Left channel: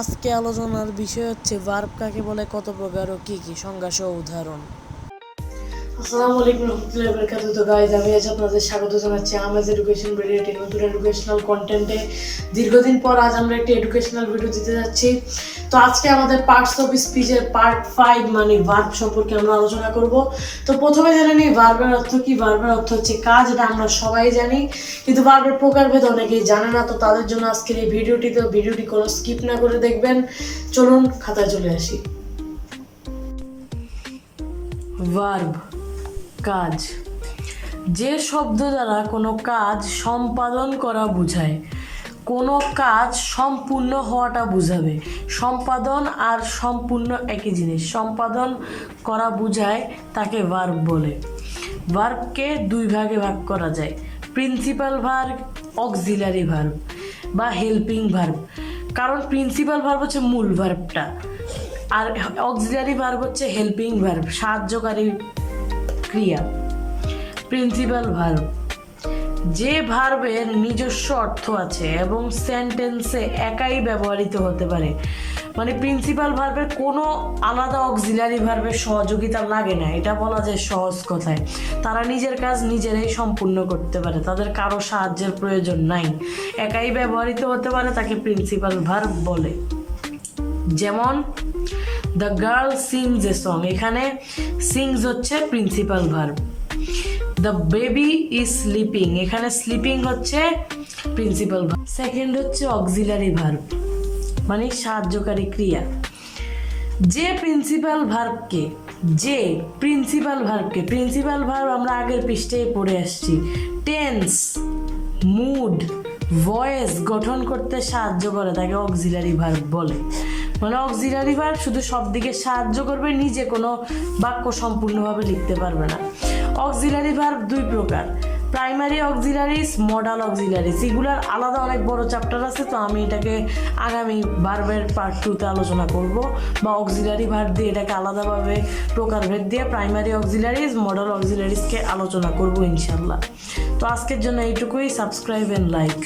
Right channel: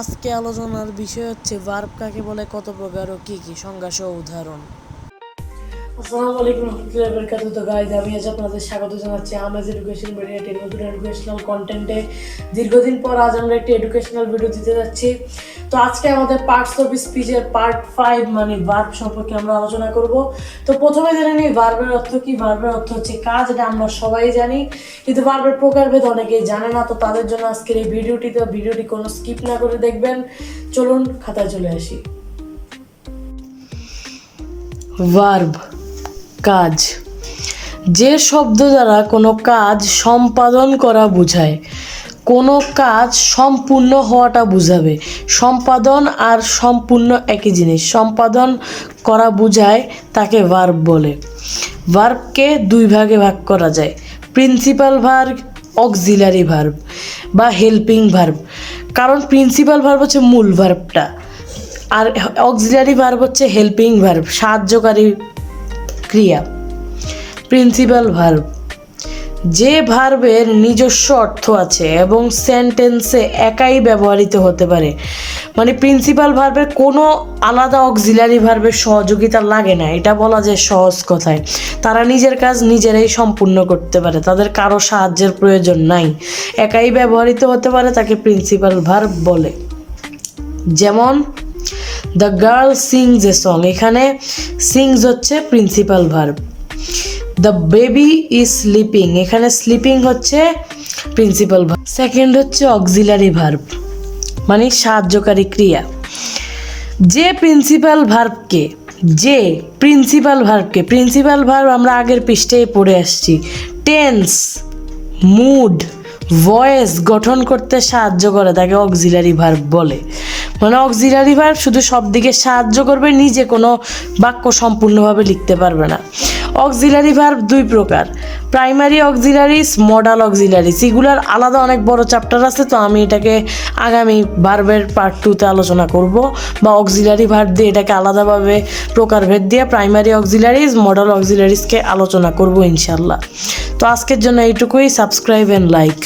আজকে আলোচনার বিষয় হচ্ছে, ভার্ব কাকে বলে, কত প্রকার ও কি কি? সংজ্ঞা সহ উদাহরণ। আসসালামু আলাইকুম রহমতুল্লাহি বারাকাতুহু। তো গাইজ আমি আজ আপনাদের স্বাগত জানাচ্ছি আমাজ এডুকেশন ভিডিও নতুন এডুকেশনাল কন্টেন্টে দীর্ঘদিন পর আজ আমরা একটি এডুকেশনাল ভিডিও দিতে যাচ্ছি। তো আজকে আমাদের পার্টস অফ স্পিচের পার্ট ফাইভ মানে ভার্ব সম্পর্কে আমরা আলোচনা করব। তো প্রথমে জেনে নিই ভার্বের অর্থ কি? ভার্বের অর্থ হচ্ছে কাজ, এটা আমরা সবাই জানি। কিন্তু ভার্বের প্রকারভেদ অনেকেই জানে না, তো তাদের জন্য আজকের এই ভিডিওটিতে ভিডিওটি কোনো স্কিপ না করে দেখবেন। চলুন খাতায় চলে আসি। ভার্ব কাজ। যে শব্দ দ্বারা কোনো কাজ সম্পাদন করা বোঝায়, কোনো কাজ সম্পূর্ণ হওয়াটা বোঝাবে। সম্পাদন আর সম্পূর্ণ একই জিনিস। সম্পাদন করা বোঝায় তাকে ভার্ব বলে। ভার্বকে দুই ভাগে ভাগ করা যায়। প্রিন্সিপাল ভার্ব অক্সিলারি ভার্ব বা হেল্পিং ভার্ব কারণ প্রিন্সিপাল ভার্ব হচ্ছে মূল ভার্বটা আর অক্সিলারি ভার্ব হচ্ছে হেল্পিং ভার্ব সাহায্যকারী ক্রিয়া। প্রিন্সিপাল ভার্ব যে ভার্বের নিজস্ব অর্থ আছে এবং সেন্টেন্সে একাই ব্যবহৃত হতে পারে মানে প্রিন্সিপাল ভার্বের কোনো আলাদা অক্সিলারি ভার্বের সহযোগিতা লাগে না, এটা বলা যায় সহজ কথায়। তারা নিজের কাজ নিজেরাই সম্পূর্ণ করতে পারে, তাদের কারও সাহায্যের প্রয়োজন নাই। একাই ব্যবহৃত হতে পারে তাকে প্রিন্সিপাল ভার্ব বলে। যেমন the girl sings a song এখানে সিংস হচ্ছে principal verb the baby is sleeping এখানে স্লিপিং হচ্ছে প্রিন্সিপাল ভার্ব সেকেন্ড হচ্ছে অক্সিলারি ভার্ব মানে সাহায্যকারী ক্রিয়া। যে প্রিন্সিপাল ভার্বকে যে প্রিন্সিপাল ভার্বকে প্রিন্সিপাল ভার্ব আমরা আগের পৃষ্ঠেই পড়ে আসছি। টেন্স মুড ভয়েস গঠন করতে সাহায্য করে, তাকে অক্সিলারি ভার্ব বলে। মানে অক্সিলারি ভার্ব শুধু সব দিকে সাহায্য করবে, নিজে কোনো বাক্য সম্পূর্ণভাবে লিখতে পারবে না। অক্সিলারি ভার্ব দুই প্রকার। প্রাইমারি অক্সিলারিস, মডাল অক্সিলারিস, এগুলার আলাদা অনেক বড় চ্যাপ্টার আছে, তো আমি এটাকে আগামী ভার্বের পার্ট টুতে আলোচনা করব। বা অক্সিলারি ভার্ব দিয়ে এটাকে আলাদাভাবে প্রকারভেদ দিয়ে প্রাইমারি অক্সিলারিস, মডাল অক্সিলারিসকে আলোচনা করব ইনশাল্লাহ তো আজকের জন্য এইটুকুই সাবস্ক্রাইব অ্যান্ড লাইক